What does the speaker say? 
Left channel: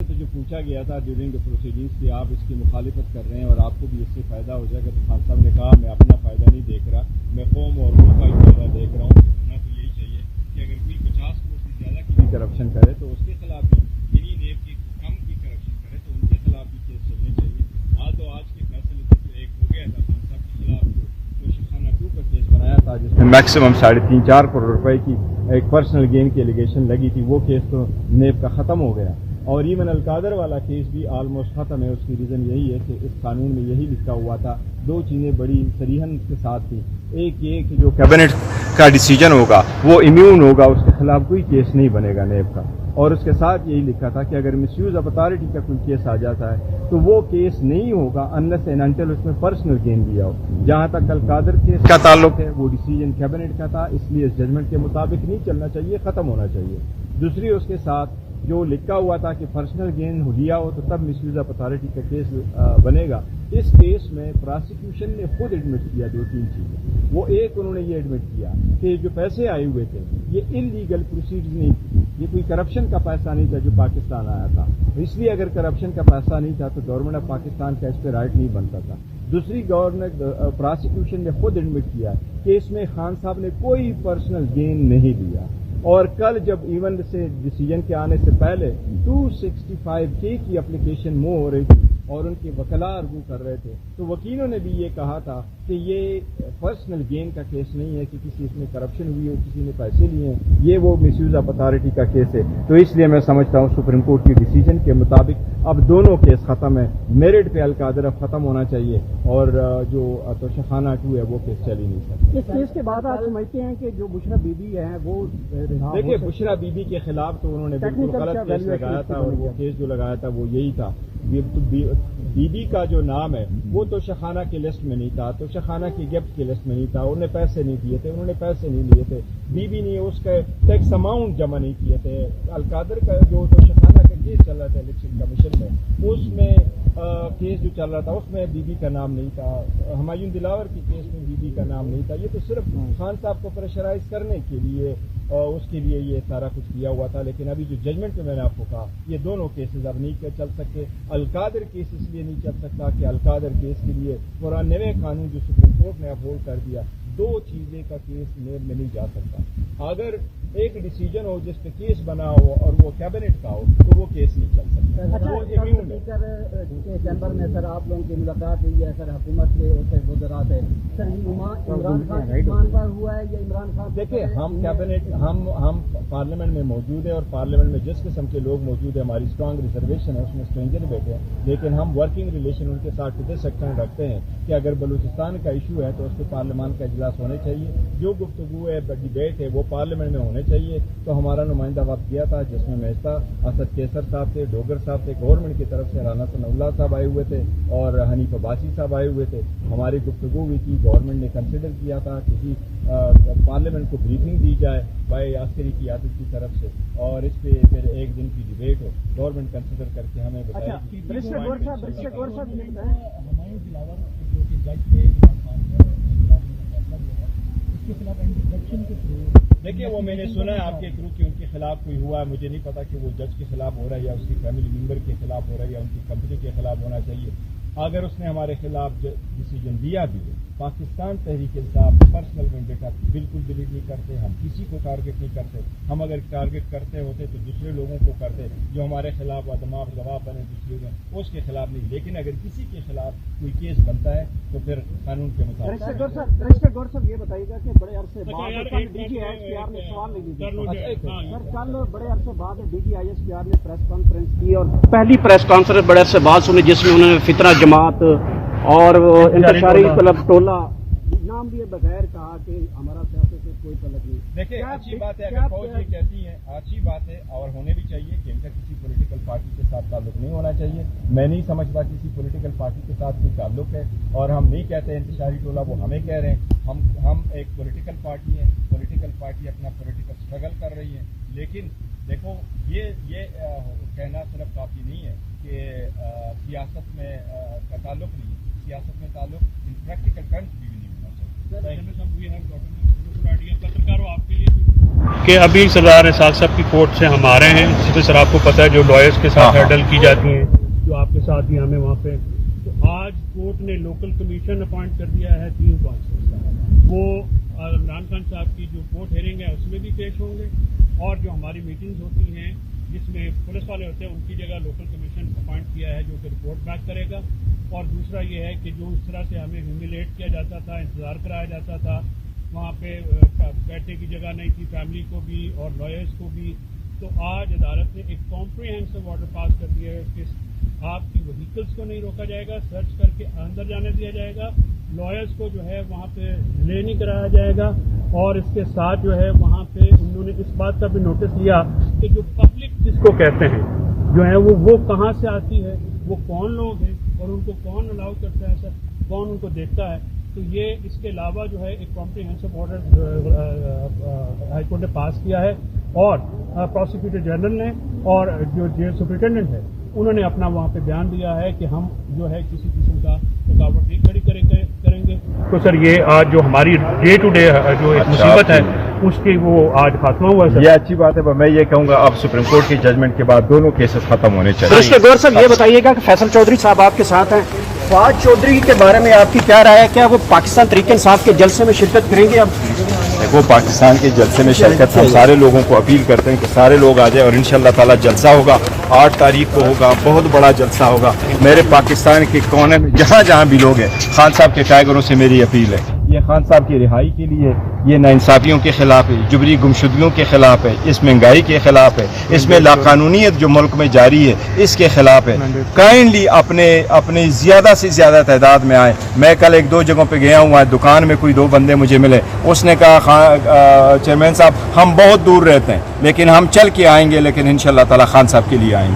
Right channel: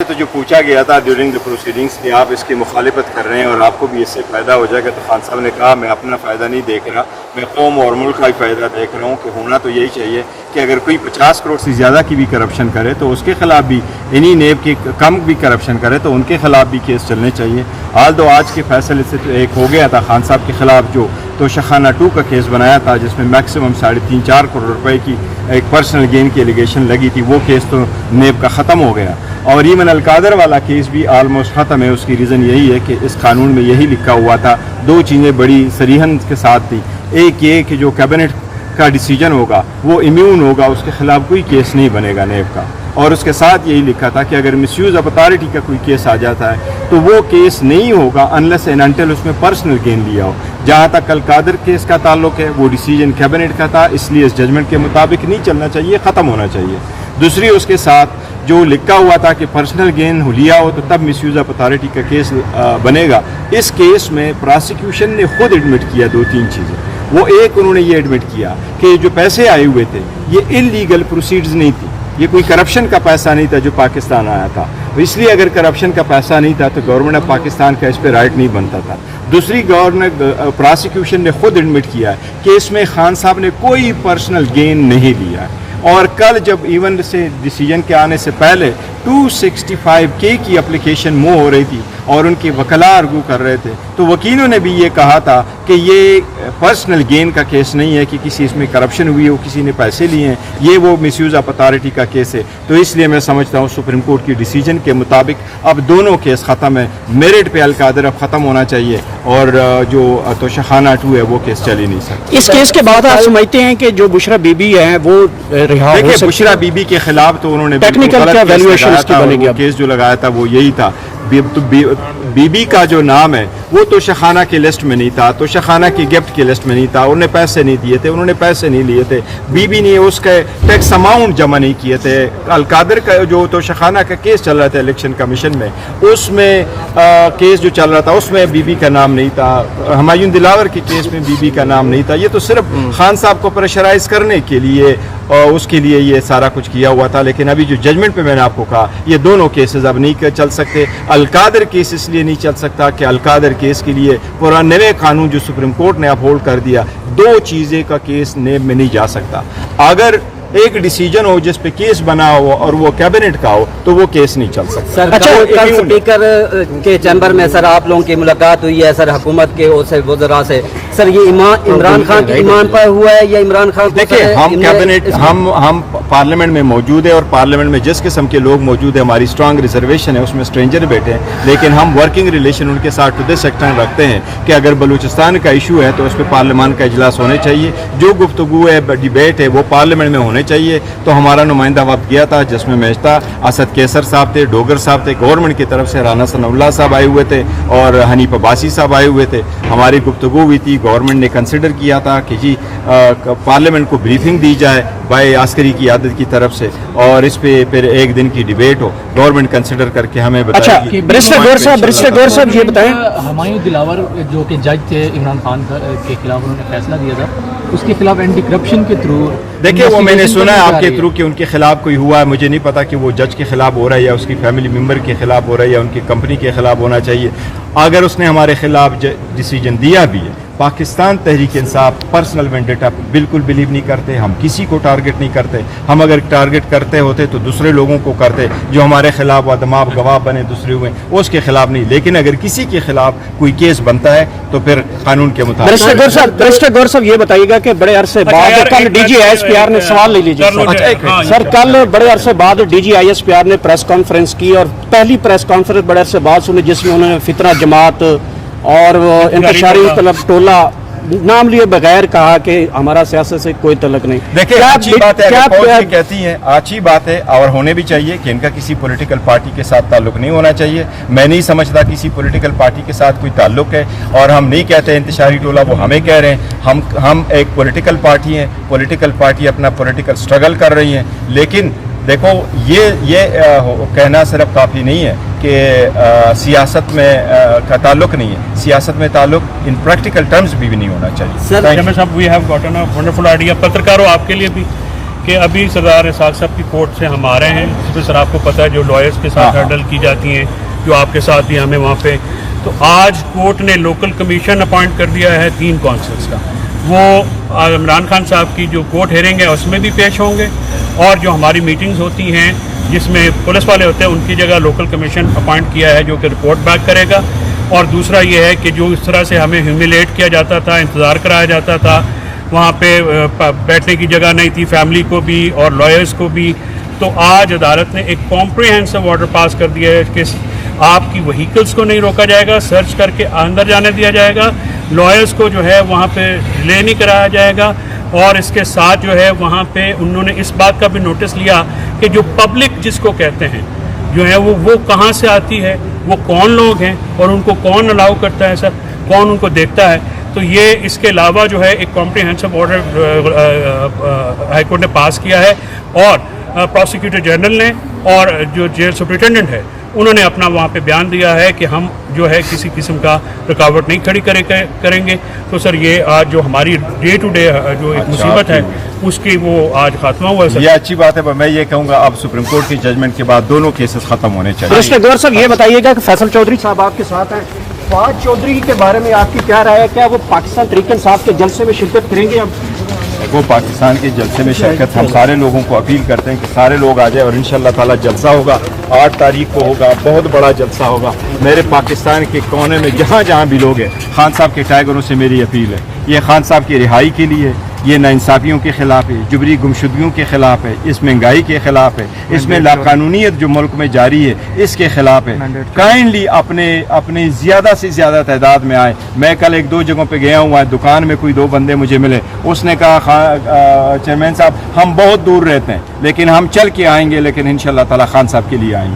तो जो पूछा गया था ड्यूरिंग द प्रोसीडिंग्स कि आप इसकी मुखालिफत कर रहे हैं और आपको भी इससे फ़ायदा हो जाएगा, तो खान साहब ने कहा मैं अपना फ़ायदा नहीं देख रहा, मैं कौम और मुल्क का ही फ़ायदा देख रहा हूँ। कि होना तो यही चाहिए कि अगर कोई 50 करोड़ से ज़्यादा की भी करप्शन करे तो उसके ख़िलाफ़ भी, इन्हीं नेब के कम भी करप्शन करे तो उनके ख़िलाफ़ भी केस चलने चाहिए। हाल तो आज के फैसले से तो एक हो गया था खान साहब के ख़िलाफ़ जो तोशाखाना 2 का केस बनाया था, जिसमें मैक्सिमम 3.5-4 करोड़ रुपए की एक पर्सनल गेन की एलिगेशन लगी थी, वो केस तो नेब का ख़त्म हो गया। और ईमन अलकादर वाला केस भी आलमोस्ट ख़त्म है। उसकी रीज़न यही है कि इस कानून में यही लिखा हुआ था, 2 चीज़ें बड़ी सरीहन के साथ थी। एक ये कि जो कैबिनेट का डिसीजन होगा वो इम्यून होगा, उसके ख़िलाफ़ कोई केस नहीं बनेगा नेब का। और उसके साथ यही लिखा था कि अगर मिसयूज़ ऑफ अथॉरिटी का कोई केस आ जाता है तो वो केस नहीं होगा अनलेस एंड अनटिल उसमें पर्सनल गेन लिया हो। जहाँ तक अलकादर केस का ताल्लुक है वो डिसीजन कैबिनेट का था, इसलिए इस जजमेंट के मुताबिक नहीं चलना चाहिए, ख़त्म होना चाहिए। दूसरी उसके साथ जो लिखा हुआ था कि पर्सनल गेन लिया हो तो तब मिसयूज़ ऑफ अथॉरिटी का केस बनेगा। इस केस में प्रोसिक्यूशन ने खुद एडमिट किया 2-3 चीज़ें। वो एक, उन्होंने ये एडमिट किया कि जो पैसे आए हुए थे ये इलीगल प्रोसीड्स नहीं थी, ये कोई करप्शन का पैसा नहीं था जो पाकिस्तान आया था, इसलिए अगर करप्शन का पैसा नहीं था तो गवर्नमेंट ऑफ पाकिस्तान का इस पर राइट नहीं बनता था। दूसरी, प्रोसिक्यूशन ने खुद एडमिट किया कि इसमें खान साहब ने कोई पर्सनल गेन नहीं लिया है। और कल जब इवन से डिसीजन के आने से पहले 265K की एप्लीकेशन मूव हो रही थी और उनके वकला आर्गू कर रहे थे, तो वकीलों ने भी ये कहा था कि ये पर्सनल गेन का केस नहीं है कि किसी इसमें करप्शन हुई हो, किसी ने पैसे लिए हैं, ये वो मिसयूज़ ऑफ अथॉरिटी का केस है। तो इसलिए मैं समझता हूँ सुप्रीम कोर्ट की डिसीजन के मुताबिक अब दोनों केस ख़त्म है। मेरिट पे अलकादर अब ख़त्म होना चाहिए और जो तोशाखाना 2 है वो केस चल ही नहीं सकता। इस केस के बाद आप समझते हैं कि जो बुशरा बीबी है वो रिहा हो सकती है? बुशरा बीबी के खिलाफ तो उन्होंने टेक्निकल क्या वैल्यूएशन इसकी बनेगी? केस जो लगाया था वो यही था। बीबी का जो नाम है वो तोशाखाना की लिस्ट में नहीं था, तोशाखाना की गिफ्ट की लिस्ट में नहीं था, उन्होंने पैसे नहीं दिए थे, उन्होंने पैसे नहीं लिए थे, बीबी ने उसके टैक्स अमाउंट जमा नहीं किए थे। अलकादर का जो तोशाखाना का केस चल रहा था इलेक्शन कमीशन में, उसमें केस जो चल रहा था उसमें बीबी का नाम नहीं था, हुमायूं दिलावर के केस में बीबी का नाम नहीं था। ये तो सिर्फ खान साहब को प्रेशराइज करने के लिए और उसके लिए ये सारा कुछ किया हुआ था। लेकिन अभी जो जजमेंट पे मैंने आपको कहा ये दोनों केसेस अब नहीं चल सकते। अलकादर केस इसलिए नहीं चल सकता कि अलकादर केस के लिए पूरा नए कानून जो सुप्रीम कोर्ट ने अपहोल्ड कर दिया, 2 चीज़ें का केस नेब में नहीं जा सकता। अगर एक डिसीजन हो जिस पे केस बना हो और वो कैबिनेट का हो तो वो केस नहीं चल सकता। सर, अच्छा, कल स्पीकर के चैम्बर में सर आप लोगों की मुलाकात हुई है सर हुकूमत के वज़रा से। सर ये इमरान खान की ईमान पर हुआ है या इमरान खान? देखिए, हम कैबिनेट हम पार्लियामेंट में मौजूद है और पार्लियामेंट में जिस किस्म के लोग मौजूद है, हमारी स्ट्रांग रिजर्वेशन है, उसमें स्ट्रेंजर बैठे हैं, लेकिन हम वर्किंग रिलेशन उनके साथ टू दिस एक्सटेंड रखते हैं कि अगर बलूचिस्तान का इशू है तो उस पर पार्लियामान का इजलास होने चाहिए। जो गुफ्तगू है, डिबेट है, वो पार्लियामेंट में होने चाहिए। तो हमारा नुमाइंदा वक्त गया था जिसमें मैं था, असद कैसर साहब थे, डोगर साहब थे, गवर्नमेंट की तरफ से राना सनाउल्लाह साहब आए हुए थे और हनीफ अब्बासी साहब आए हुए थे। हमारी गुफ्तगू हुई थी, गवर्नमेंट ने कंसिडर किया था कि जी पार्लियामेंट को ब्रीफिंग दी जाए बाय आस्करी की आदत की तरफ से और इस पे फिर एक दिन की डिबेट हो, गवर्नमेंट कंसिडर करके हमें बताए। अच्छा, बैरिस्टर गौर साहब ये बताएं, हुमायूं दिलावर जो कि जज थे इमरान खान के खिलाफ उन्होंने फैसला दिया था, उसके खिलाफ एंटी करप्शन के थ्रू, देखिए वो मैंने सुना है आपके थ्रू कि उनके खिलाफ कोई हुआ है। मुझे नहीं पता कि वो जज के खिलाफ हो रहा है या उसकी फैमिली मेंबर के खिलाफ हो रहा है या उनकी कंपनी के खिलाफ होना चाहिए। अगर उसने हमारे खिलाफ डिसीजन दिया भी है, पाकिस्तान तहरीक इंसाफ पर्सनल वेंडेटा बिल्कुल बिलीव नहीं करते, हम किसी को टारगेट नहीं करते। हम अगर टारगेट करते होते तो दूसरे लोगों को करते जो हमारे खिलाफ वादमाब गवाह बने दूसरे हुए, उसके खिलाफ नहीं। लेकिन अगर किसी के खिलाफ कोई केस बनता है तो फिर कानून के मुताबिक। बैरिस्टर गौर साहब ये बताइएगा कि बड़े अरसे बाद कल DGISPR ने सवाल ले लीजिए सर, कल बड़े अरसे बाद DGISPR ने प्रेस कॉन्फ्रेंस की और पहली प्रेस कॉन्फ्रेंस बड़े अरसे बाद सुनी जिसमें उन्होंने फितना जमात और इंतशारी टोला नाम लिए बगैर कहा कि हमारा सियासत से कोई तल्लुक नहीं। देखिए अच्छी बात है, क्या कहती हैं, अच्छी बात है और होने भी चाहिए कि इनका किसी पॉलिटिकल पार्टी के साथ ताल्लुक नहीं होना चाहिए। मैं नहीं समझता किसी पॉलिटिकल पार्टी के साथ कोई ताल्लुक है और हम नहीं कहते इंतशारी टोला, वो हमें कह रहे हैं। हम एक पॉलिटिकल पार्टी हैं, पॉलिटिकल पार्टी अपना पॉलिटिकल स्ट्रगल कर रही हैं। लेकिन देखो ये कहना सिर्फ काफ़ी नहीं है कि सियासत में का ताल्लुक नहीं है। सियासत में ताल्लुक इन प्रैक्टिकल टर्म्स भी नहीं होना चाहिए। Sir, we have gotten a wonderful idea, पत्रकार हो आपके लिए भी कि अभी सरदार इसाक साहब की कोर्ट से हम आ रहे हैं, जिसमें सर आपको पता है जो लॉयर्स के साथ हर्डल की जाती हैं, जो आपके साथ भी हमें वहाँ पे, तो आज कोर्ट ने लोकल कमीशन अपॉइंट कर दिया है 3 कौंसल्स का। वो इमरान खान साहब की जो कोर्ट हेयरिंग है उसमें भी पेश होंगे, और जो हमारी मीटिंग्स होती हैं जिसमें पुलिस वाले होते हैं उनकी जगह लोकल कमीशन अपॉइंट किया है जो कि रिपोर्ट बैक करेगा। और दूसरा ये है कि जो इस तरह से हमें ह्यूमिलेट किया जाता था, इंतज़ार कराया जाता था, वहाँ पे बैठने की जगह नहीं थी फैमिली को भी और लॉयर्स को भी, तो आज अदालत ने एक कॉम्प्रिहेंसिव ऑर्डर पास कर दिया है कि आपकी व्हीकल्स को नहीं रोका जाएगा, सर्च करके अंदर जाने दिया जाएगा, लॉयर्स को जो है वहाँ पे रिले नहीं कराया जाएगा, और इसके साथ जो है वहाँ पे उन्होंने इस बात का भी नोटिस लिया कि जो पब्लिक जिसको कहते हैं जो है वो कहाँ से आती है, वो कौन लोग हैं और उनको कौन अलाउ करता है सर, कौन उनको देखता है। तो ये इसके अलावा जो है एक कॉम्प्रिहेंसिव ऑर्डर हाईकोर्ट ने पास किया है, और प्रोसिक्यूटर जनरल ने और जो जेल सुपरिटेंडेंट है उन्होंने अपना वहाँ पे बयान दिया है कि हम जो है किसी किस्म का रुकावट नहीं खड़ी करेंगे। तो सर ये आज जो हमारी डे टू डे जो एक मुसीबत है उसकी वो आज खात्मा हुआ है सर। ये अच्छी बात है, पर मैं ये कहूँगा अब सुप्रीम कोर्ट की जजमेंट के बाद दोनों केसेस खत्म होने चाहिए। कृष्ण गौर साहब ये बताइएगा कि फैसल चौधरी साहब आपके साथ हैं, फवाद चौधरी के बारे में आपकी क्या राय है? क्या वो पाकिस्तान तहरीक इंसाफ के जलसे में शिरकत करेंगे? अब देखो, पाकिस्तान के जलसे में शिरकत हम सारे लोगों को अपील करते हैं कि सारे लोग आ जाए, और इंशाल्लाह ताला जलसा होगा 8 तारीख को होगा, बहुत बड़ा जलसा होगा। मेरे पाकिस्तान के कोने में जहाँ जहाँ भी लोग हैं, खान साहब के टाइगरों से मेरी अपील है, ये खान साहब की रिहाई के लिए, ये नाइंसाफियों के ख़िलाफ़ है, जुबरी गुमशुदगियों के ख़िलाफ़ है, इस महंगाई के ख़िलाफ़ है, इसमें लाकानूनियत जो मुल्क में जारी है इसके ख़िलाफ़ है। काइंडली अपने ज़्यादा से ज़्यादा तादाद में आए। मैं कल 1-2 जगहों पे गया हुआ, दुकान में कोई 2 बंदे मुझे मिले, उसने कहा चेयरमैन साहब हम बहुत दूर रहते हैं लेकिन हम चल के आएंगे, लेकिन इंशाल्लाह ताला खान साहब के लिए आएंगे।